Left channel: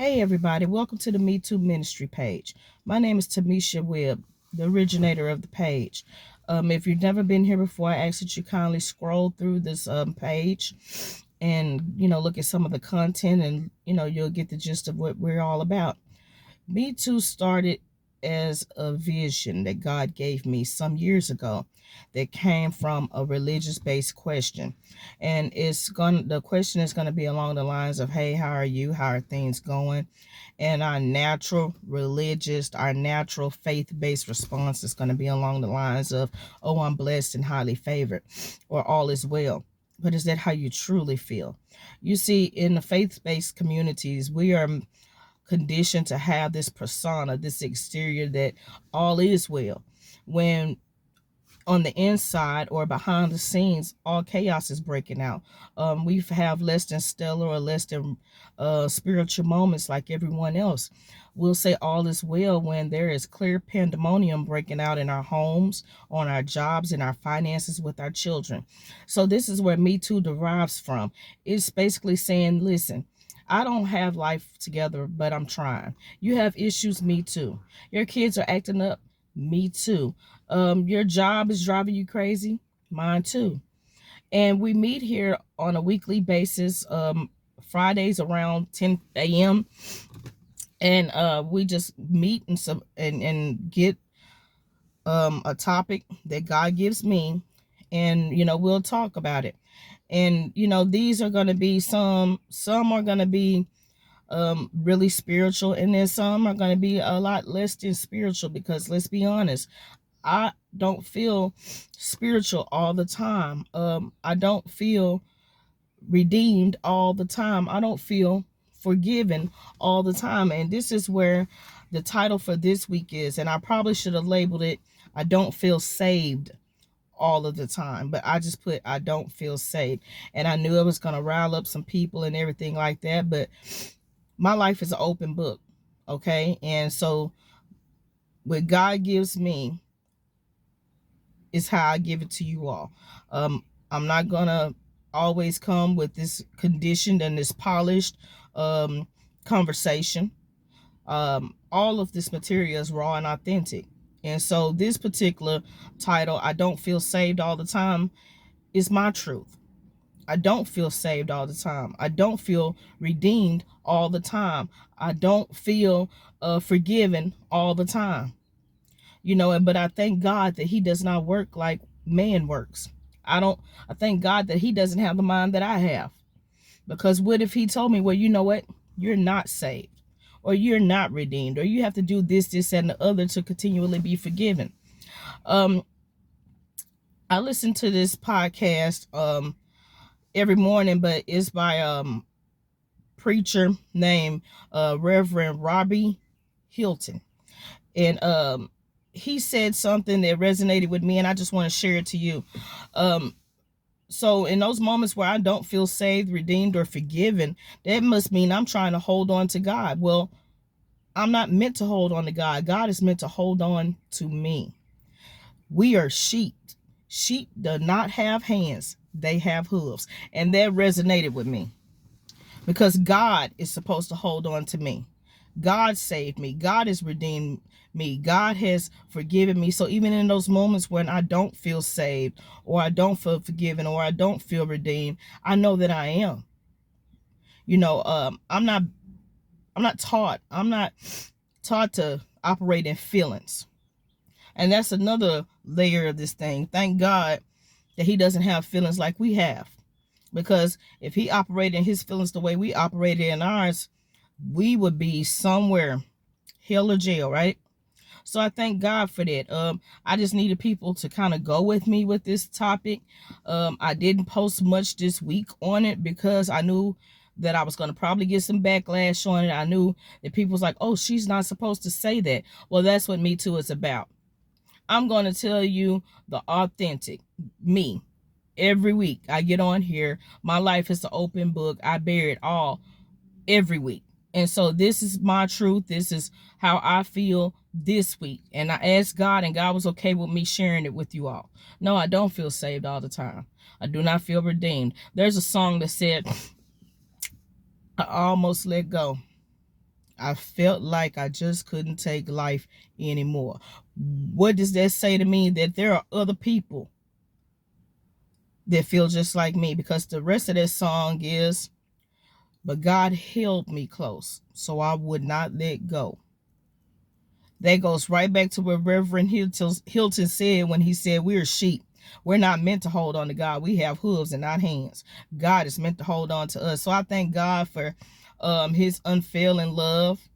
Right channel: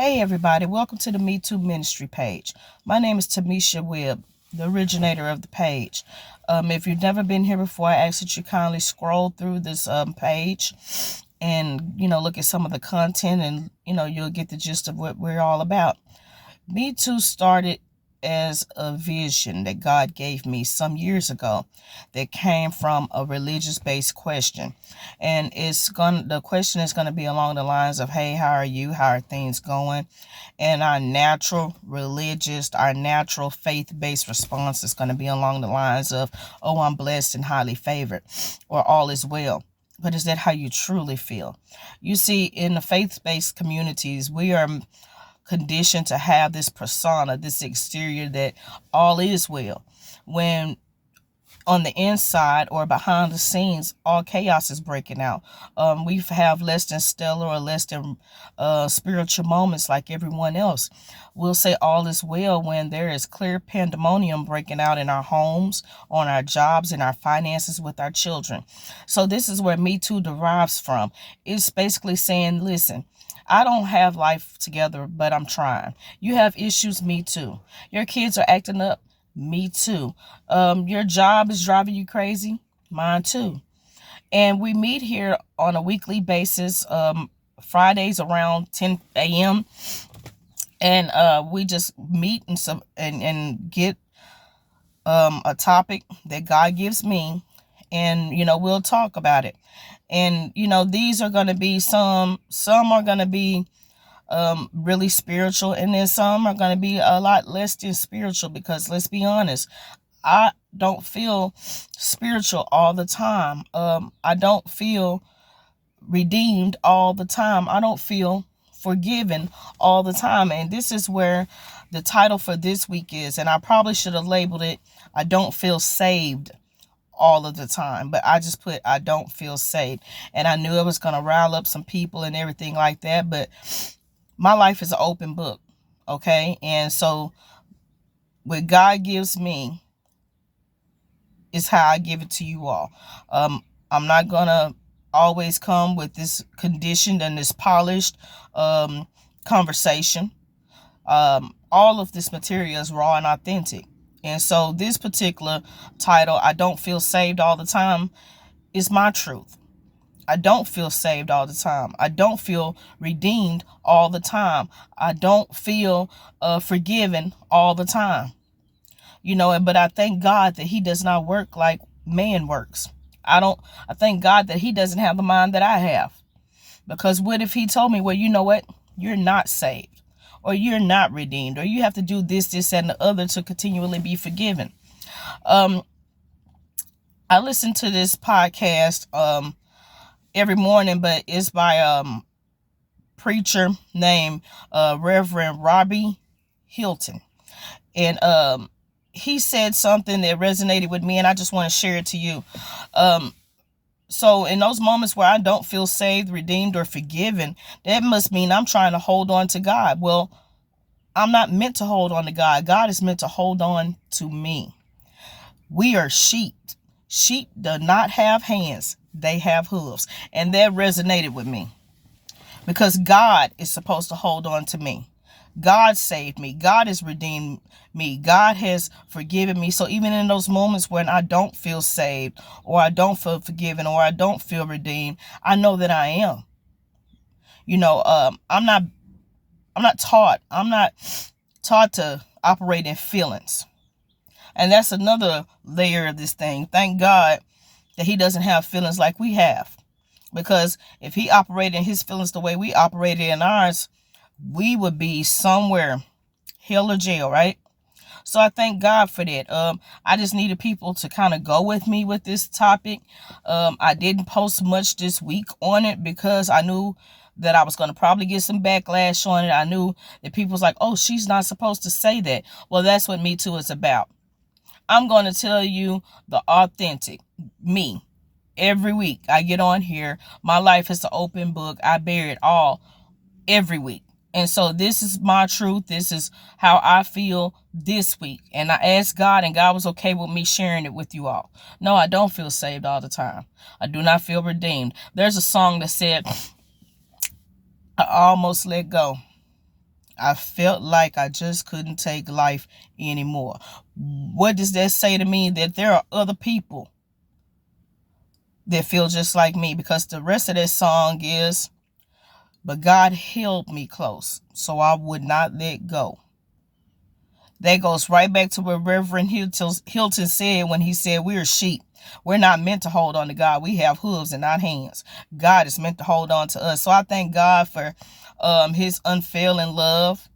Hey everybody, welcome to the Me Too Ministry page. My name is Tamisha Webb, the originator of the page. If you've never been here before, I ask that you kindly scroll through this page and look at some of the content, and you'll get the gist of what we're all about. Me Too started as a vision that God gave me some years ago that came from a religious based question. And the question is gonna be along the lines of, hey, how are you? How are things going? And our natural faith based response is gonna be along the lines of, oh, I'm blessed and highly favored, or all is well. But is that how you truly feel? You see, in the faith based communities, we are conditioned to have this persona, this exterior that all is well, when on the inside or behind the scenes, all chaos is breaking out. We have less than stellar or less than spiritual moments like everyone else. We'll say all is well when there is clear pandemonium breaking out in our homes, on our jobs, in our finances, with our children. So this is where Me Too derives from. It's basically saying, listen, I don't have life together, but I'm trying. You have issues, me too. Your kids are acting up, me too. Your job is driving you crazy, mine too. And we meet here on a weekly basis, Fridays around 10 a.m. And we just meet and get a topic that God gives me, and we'll talk about it. And these are going to be some are going to be really spiritual, and then some are going to be a lot less than spiritual, because let's be honest, I don't feel spiritual all the time. I don't feel redeemed all the time. I don't feel forgiven all the time. And this is where the title for this week is, and I probably should have labeled it, I don't feel saved all of the time, but I just put, I don't feel saved. And I knew it was going to rile up some people and everything like that, but my life is an open book. Okay. And so what God gives me is how I give it to you all. I'm not going to always come with this conditioned and this polished conversation. All of this material is raw and authentic. And so this particular title, I don't feel saved all the time, is my truth. I don't feel saved all the time. I don't feel redeemed all the time. I don't feel forgiven all the time. But I thank God that he does not work like man works. I thank God that he doesn't have the mind that I have. Because what if he told me, well, you know what? You're not saved, or you're not redeemed, or you have to do this, and the other to continually be forgiven. I listen to this podcast every morning, but it's by preacher named Reverend Robbie Hilton. And he said something that resonated with me, and I just want to share it to you. So in those moments where I don't feel saved, redeemed, or forgiven, that must mean I'm trying to hold on to God. Well, I'm not meant to hold on to God. God is meant to hold on to me. We are sheep. Sheep do not have hands. They have hooves. And that resonated with me, because God is supposed to hold on to me. God saved me. God has redeemed me. God has forgiven me. So even in those moments when I don't feel saved, or I don't feel forgiven, or I don't feel redeemed, I know that I am. I'm not taught to operate in feelings. And that's another layer of this thing. Thank God that he doesn't have feelings like we have. Because if he operated in his feelings the way we operated in ours, we would be somewhere, hell or jail, right? So I thank God for that. I just needed people to kind of go with me with this topic. I didn't post much this week on it because I knew that I was going to probably get some backlash on it. I knew that people was like, oh, she's not supposed to say that. Well, that's what Me Too is about. I'm going to tell you the authentic me. Every week I get on here, my life is an open book. I bear it all every week. And so this is my truth. This is how I feel this week. And I asked God, and God was okay with me sharing it with you all. No, I don't feel saved all the time. I do not feel redeemed. There's a song that said, I almost let go. I felt like I just couldn't take life anymore. What does that say to me? That there are other people that feel just like me, because the rest of that song is, but God held me close, so I would not let go. That goes right back to what Reverend Hilton said when he said we're sheep. We're not meant to hold on to God. We have hooves and not hands. God is meant to hold on to us. So I thank God for his unfailing love,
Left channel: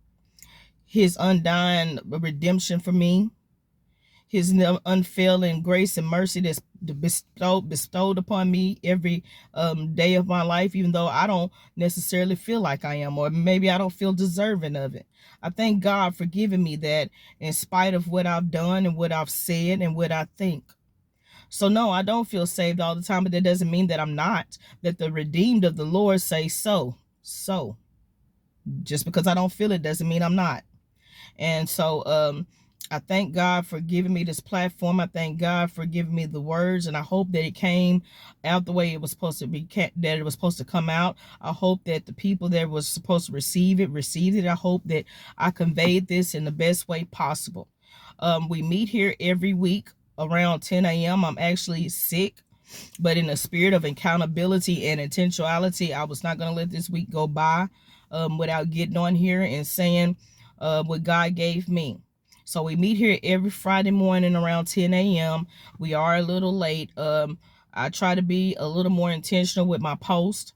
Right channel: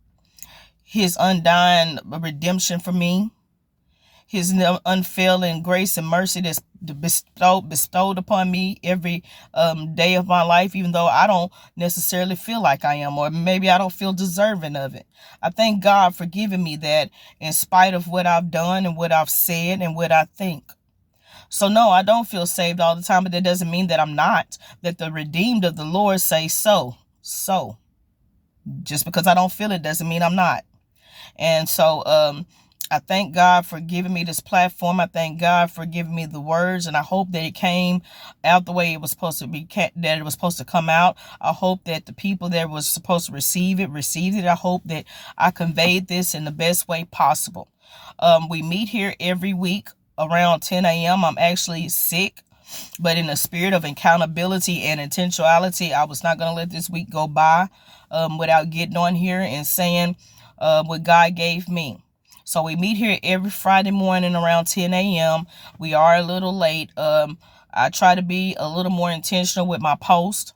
his undying redemption for me, his unfailing grace and mercy that's bestowed upon me every day of my life, even though I don't necessarily feel like I am, or maybe I don't feel deserving of it. I thank God for giving me that in spite of what I've done and what I've said and what I think. So no, I don't feel saved all the time, but that doesn't mean that I'm not, that the redeemed of the Lord say so. So just because I don't feel it doesn't mean I'm not. And so I thank God for giving me this platform. I thank God for giving me the words, and I hope that it came out the way it was supposed to be, that it was supposed to come out. I hope that the people that was supposed to receive it received it. I hope that I conveyed this in the best way possible. We meet here every week around 10 a.m. I'm actually sick, but in the spirit of accountability and intentionality, I was not going to let this week go by without getting on here and saying what God gave me. So we meet here every Friday morning around 10 a.m. We are a little late. I try to be a little more intentional with my post.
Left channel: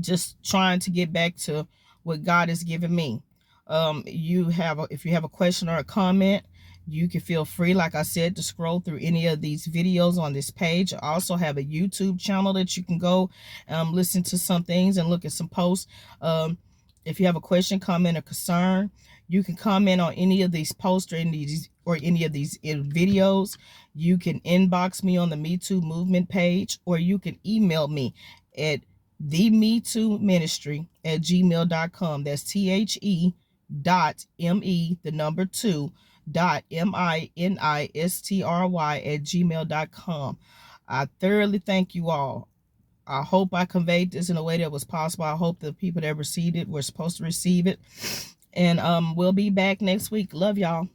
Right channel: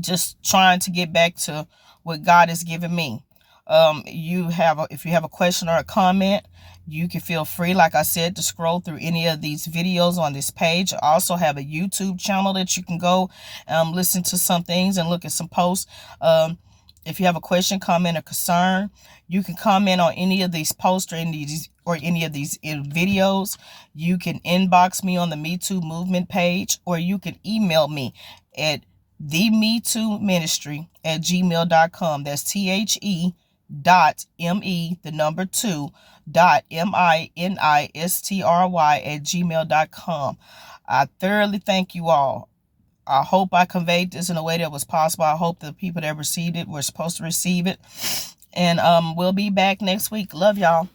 Just trying to get back to what God has given me. If you have a question or a comment, you can feel free, like I said, to scroll through any of these videos on this page. I also have a YouTube channel that you can go listen to some things and look at some posts. If you have a question, comment, or concern, you can comment on any of these posts or any of these videos. You can inbox me on the Me Too Movement page, or you can email me at themetooministry@gmail.com. That's THE.ME.2.MINISTRY@gmail.com. I thoroughly thank you all. I hope I conveyed this in a way that was possible. I hope the people that received it were supposed to receive it. And we'll be back next week. Love y'all.